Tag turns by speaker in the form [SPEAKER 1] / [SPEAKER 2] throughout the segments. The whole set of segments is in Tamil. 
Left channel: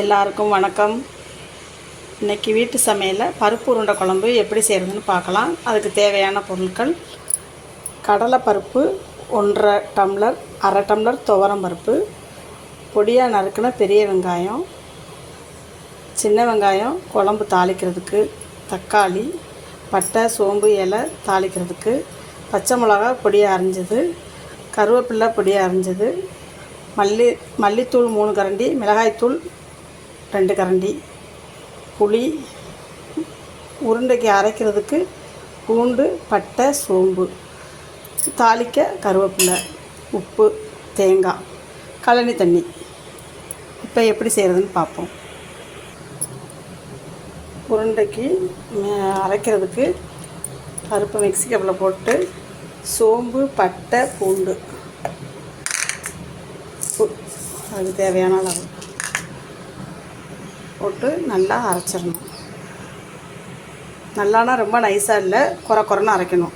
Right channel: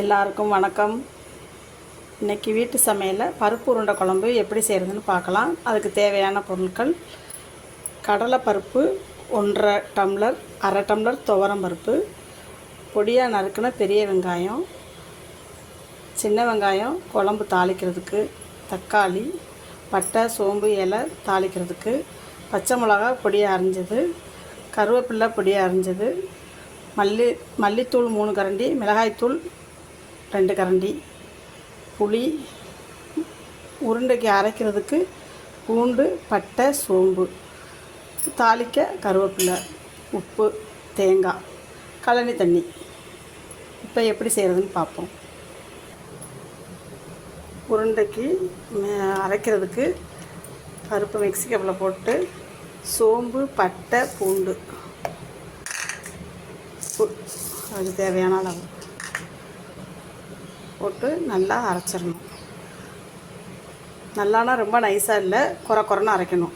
[SPEAKER 1] எல்லாருக்கும் வணக்கம். இன்னைக்கு வீட்டு சமையலில் பருப்பு உருண்டை குழம்பு எப்படி செய்கிறதுன்னு பார்க்கலாம். அதுக்கு தேவையான பொருட்கள் கடலைப்பருப்பு ஒன்றரை டம்ளர் அரை டம்ளர் துவரம் பருப்பு பொடியாக நறுக்கின பெரிய வெங்காயம் சின்ன வெங்காயம் குழம்பு தாளிக்கிறதுக்கு தக்காளி பட்டை சோம்பு இலை தாளிக்கிறதுக்கு பச்சை மிளகா பொடியாக அரிஞ்சது கருவேப்பில்லை பொடியாக அரிஞ்சது மல்லி மல்லித்தூள் மூணு கரண்டி மிளகாய்த்தூள் ரெண்டு கரண்டி. புளி உருண்டைக்கு அரைக்கிறதுக்கு பூண்டு பட்டை சோம்பு தாளிக்க கருவேப்பிலை உப்பு தேங்காய் கழனி தண்ணி. இப்போ எப்படி செய்கிறதுன்னு பார்ப்போம். உருண்டைக்கு அரைக்கிறதுக்கு பருப்பு மிக்ஸி கப்பில் போட்டு சோம்பு பட்டை பூண்டு. அதுக்கு தேவையான அளவு. போட்டு நல்லா அரைச்சிடணும். நல்லானா ரொம்ப நைஸாக இல்லை குறை குறைன்னு அரைக்கணும்.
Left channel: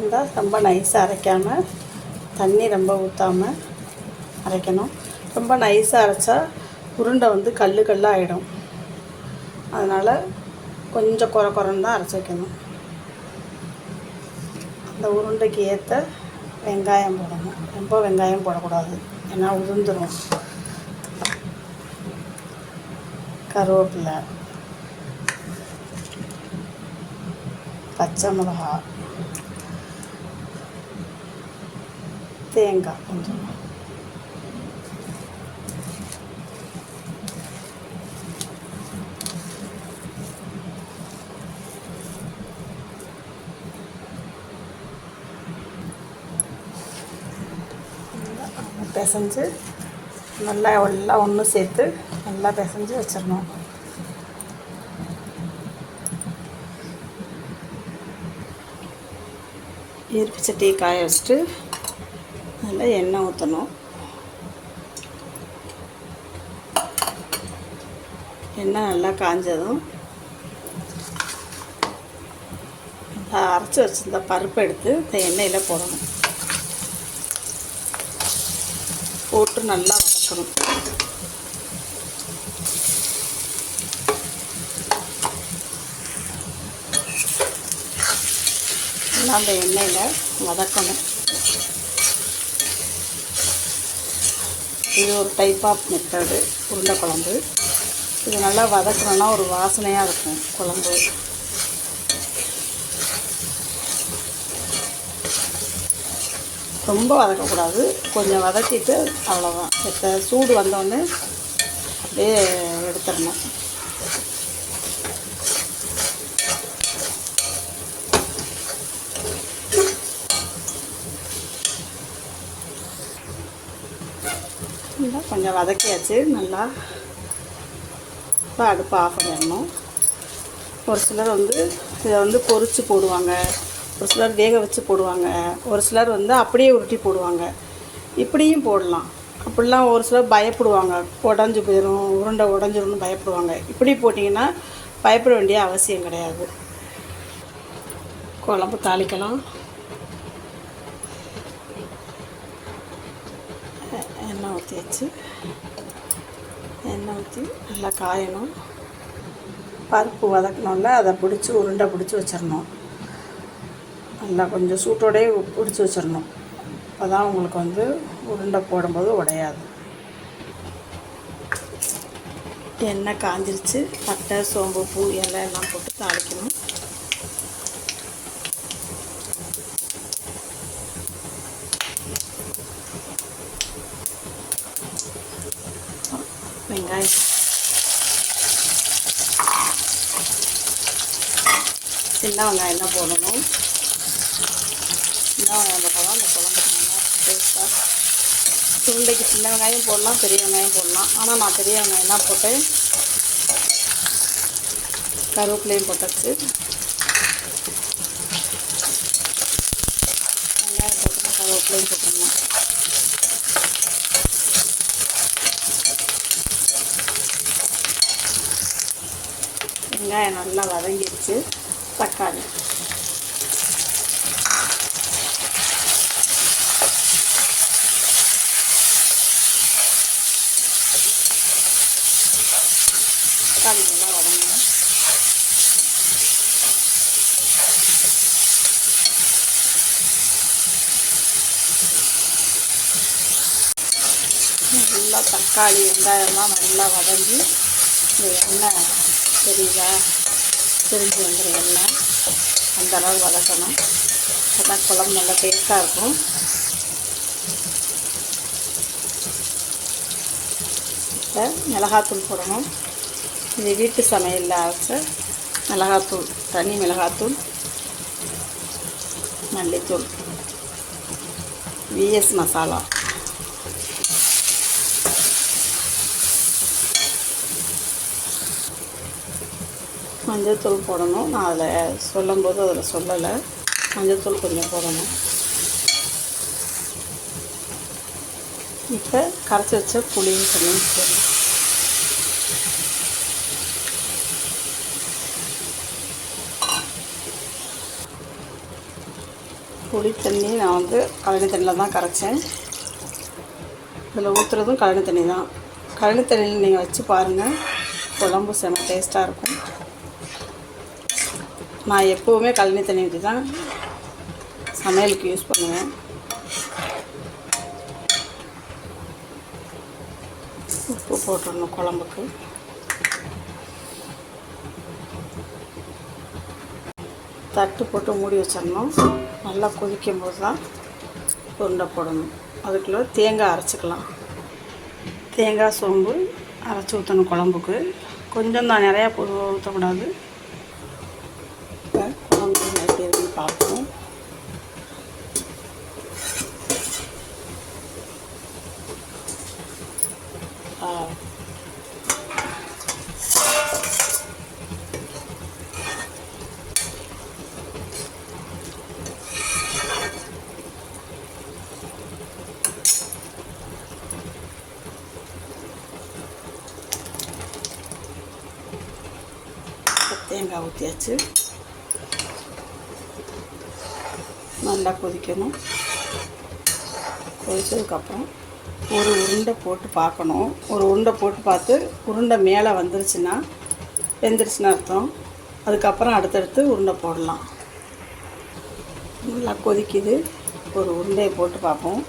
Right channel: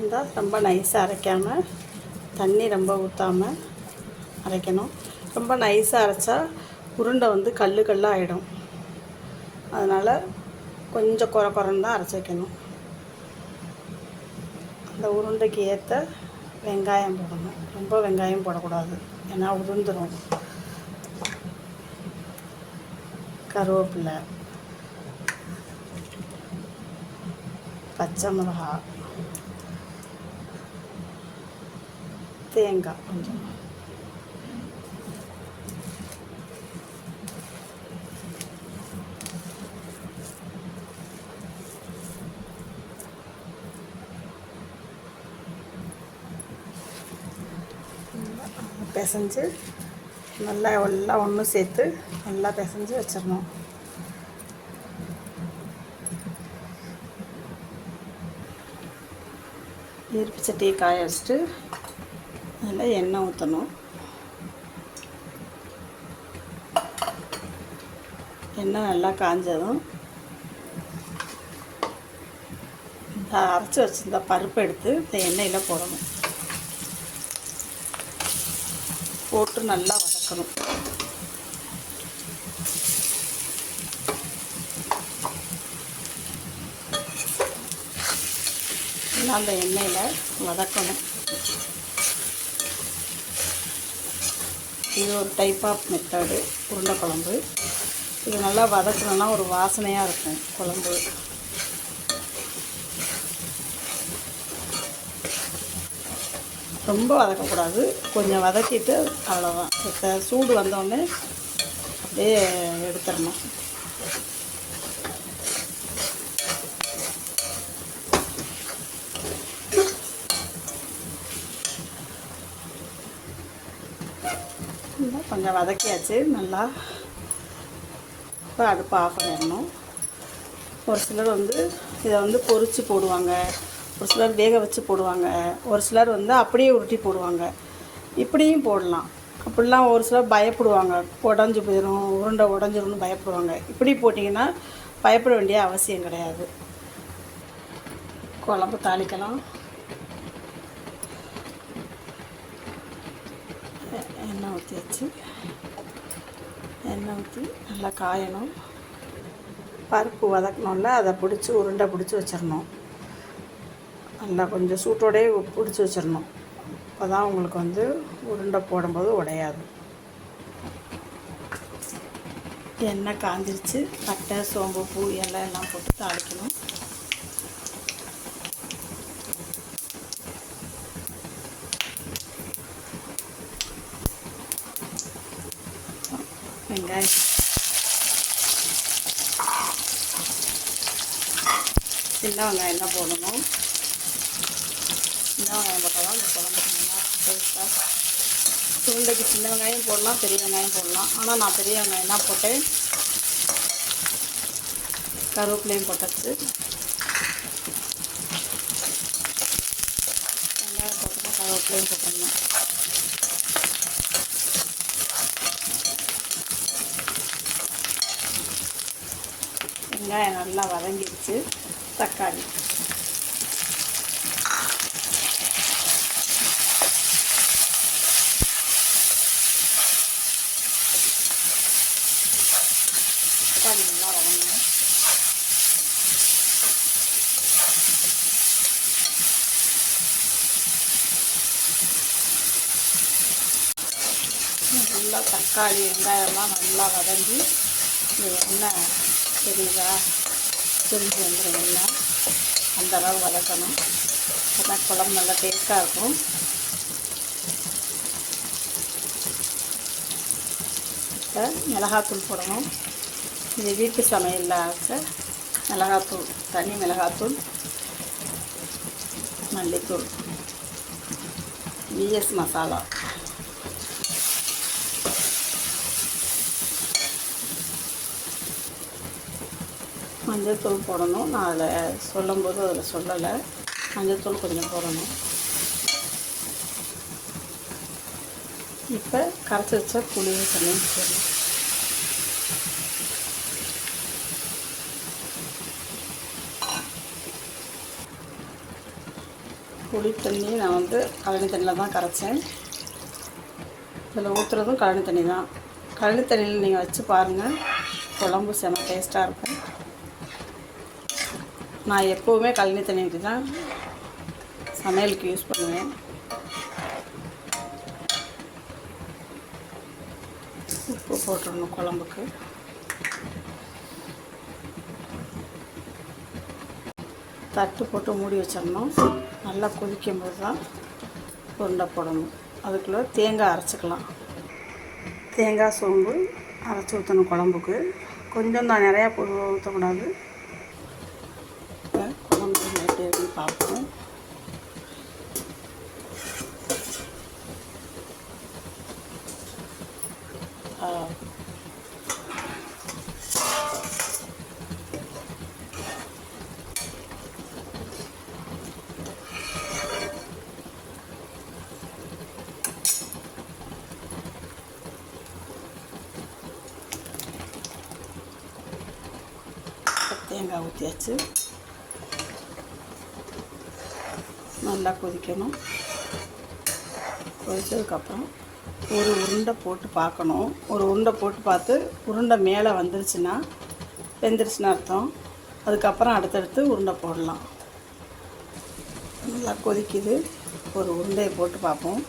[SPEAKER 1] இந்த ரொம்ப நைஸாக அரைக்காமல் தண்ணி ரொம்ப ஊற்றாமல் அரைக்கணும். ரொம்ப நைஸாக அரைச்சா உருண்டை வந்து கல் கல்லாக ஆகிடும் அதனால் கொஞ்சம் குறை குறைன்னு தான் அரைச்சி வைக்கணும். அந்த உருண்டைக்கு ஏற்ற வெங்காயம் போடணும். ரொம்ப வெங்காயம் போடக்கூடாது. ஏன்னா உதிர்ந்துடும் கருவேப்பிலை பச்சை மிளகா தேங்காய் கொஞ்சம். பிசைஞ்சு நல்லா எல்லாம் ஒன்று சேர்த்து நல்லா பிசைஞ்சு வச்சிடணும் இருப்பு சட்டியை காய வச்சுட்டு அதில் எண்ணெய் ஊற்றணும் எண்ணெய் நல்லா காஞ்சதும் இந்த அரைச்சி வச்சிருந்த பருப்பை எடுத்து இந்த எண்ணெயில் போடணும் போட்டு நல்லா வதக்கணும் நல்லா அந்த எண்ணெயில் வதக்கணும். இது ஒரு டைப் ஆஃப் மெத்தடு உருண்டை குழம்பு. இது நல்லா வதக்கணும்னா ஒரு வாசனையாக இருக்கும் குழம்பு. ரொம்ப வதக்கக்கூடாது. கொஞ்சம் வதக்கிட்டு அவ்வளோதான் இப்போ சூடு வந்தோடனே அப்படியே எடுத்துடணும். கொஞ்சம் வதக்கியாச்சு. நல்லா இப்போ அடுப்பு ஆஃப் பண்ணிடணும். ஒரு சிலர் வந்து இதை வந்து பொறிச்சு போடுவாங்க. ஒரு சிலர் வேக வச்சு போடுவாங்க. ஒரு சிலர் வந்து அப்படியே உருட்டி போடுவாங்க. இப்படியும் போடலாம். அப்படிலாம் ஒரு சிலர் பயப்படுவாங்க. உடஞ்சி போயிடும் உருண்டை உடஞ்சிரும்னு பயப்படுவாங்க. இப்படி போட்டிங்கன்னா பயப்பட வேண்டிய அவசியம் கிடையாது. குழம்பு தாளிக்கலாம். எண்ணெய் ஊற்றி வச்சு எண்ணெய் ஊற்றி நல்லா காயணும். பருப்பு வதக்கணும்ல அதை பிடிச்சி உருண்டை பிடிச்சி வச்சிடணும். நல்லா கொஞ்சம் சூட்டோடயே பிடிச்சி வச்சிடணும். அப்போ தான் உங்களுக்கு வந்து உருண்டை போடும்போது உடையாது. எண்ணெய் காஞ்சிருச்சு. பட்டை சோம்பு பூ இலை எல்லாம் போட்டு தாளிக்கணும் வெங்காயம் சின்ன வெங்காயம் தான் போடணும். சின்ன வெங்காயம் போட்டால் தான் இந்த குழம்புக்கு நல்லா டேஸ்ட்டாக சுண்டைக்கு சின்ன வெங்காயம் போடலாம் பெரிய வெங்காயம் போடலாம். ஆனால் நான் பெரிய வெங்காயம் தான் போட்டேன். கருவேப்பிலையும் போட்டாச்சு. வெங்காயம் போட்டு கருவேப்பிலையும் போட்டுடணும் வெங்காயம் நல்லா வதங்கிடுச்சு. தக்காளி தக்காளி நல்லா வதங்கணும் நல்லா தக்காளி வெங்காயம்லாம் நல்லா வதங்கி இந்த எண்ணெய் தெரியுதா பிரிஞ்சு வந்துடும் எண்ணெய் அந்த அளவு வதக்கணும். அதான் குழம்பு நல்லா டேஸ்ட்டாக இருக்கும். இப்போ மிளகாத்தூள் போடணும். இது வீட்டு சமையலில் அரைச்ச மிளகாத்தூள் தனி மிளகாத்தூள் மல்லித்தூள் விஎஸ் மசாலா. மஞ்சள் தூள் போடணும். நான் அதில் சொல்லும்போது அதில் சொல்லலை. மஞ்சள் தூள் கொஞ்சம் போடணும். இப்போ கரைச்சி வச்ச புளியும் தண்ணியும் போடணும். புளி தண்ணி நான் வந்து கழனி தண்ணியில் தான் கரைச்சேன். இதில் ஊற்றுறதும் கழனி தண்ணி தான். கழனி தண்ணியில் நீங்கள் வச்சு பாருங்கள் குழம்பு செம டேஸ்ட்டாக இருக்கும். நான் எப்போவுமே கழனி தண்ணி ஊற்றி தான் சமையலுக்கு யூஸ் பண்ணுவேன். உப்பு போட்டுடணும் குழம்புக்கு. தட்டு போட்டு மூடி வச்சிடணும். நல்லா கொதிக்கும் போது தான் உருண்டை போடணும். அதுக்குள்ளே தேங்காய் அரைச்சிக்கலாம். தேங்காய் சோம்பு அரைச்சி ஊற்றணும் குழம்புக்கு. கொஞ்சம் தான் நிறையா ஊற்றக்கூடாது இப்போ குழம்பு எப்படி இருக்குன்னு பார்ப்போம் ஆ தேங்காய் ஊற்றியாச்சு நல்லா கொதிக்கணும் கொதிச்சதுக்கப்புறம் ஒரு உருண்டை போட்டு பார்க்கணும் ஒரு உருண்டை போட்டு பார்த்து உருண்டை மேலே வந்துருச்சுன்னா வெந்துருச்சுன்னு அர்த்தம் அதுக்கப்புறம் அடுத்தடுத்து உருண்டை போடலாம் நல்லா கொதிக்குது ஒரு உருண்டையை போட்டு பார்ப்போம்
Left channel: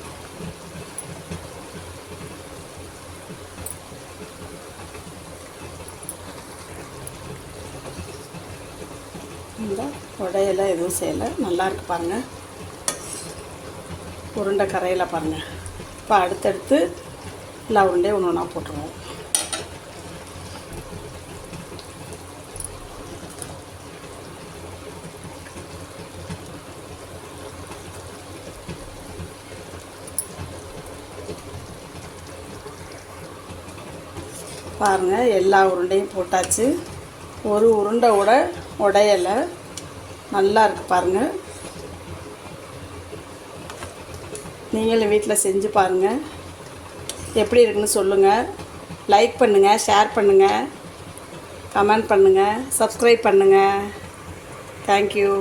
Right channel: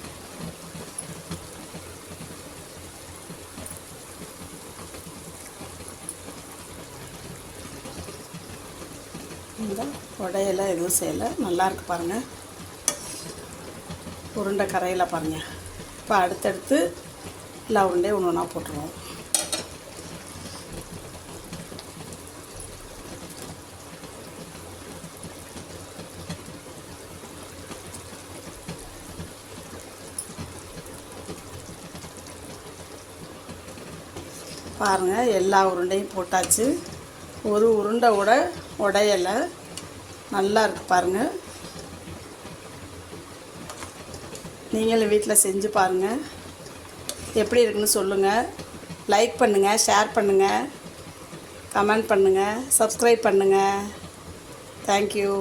[SPEAKER 1] இந்த உடையெல்லாம் எதுவும் செய்யலை. நல்லாயிருக்கு பாருங்கள் உருண்டை கரையில் பாருங்கள் இப்போ அடுத்தடுத்து எல்லா உருண்டையும் ஒன்று ஒன்றா போட்டுருவோம். பாருங்கள் எல்லா உருண்டையும் போட்டாச்சு. ஒரு உருண்டை கூட உடையலை. நல்லா இருக்கு பாருங்கள் நீங்களும் வீட்டில் செஞ்சு பாருங்கள் எப்படி இருக்குன்னு சொல்லுங்கள் லைக் பண்ணுங்கள் ஷேர் பண்ணுங்கள் கமெண்ட் பண்ணுங்கள் சப்ஸ்கிரைப் பண்ணுங்கள் தேங்க்யூ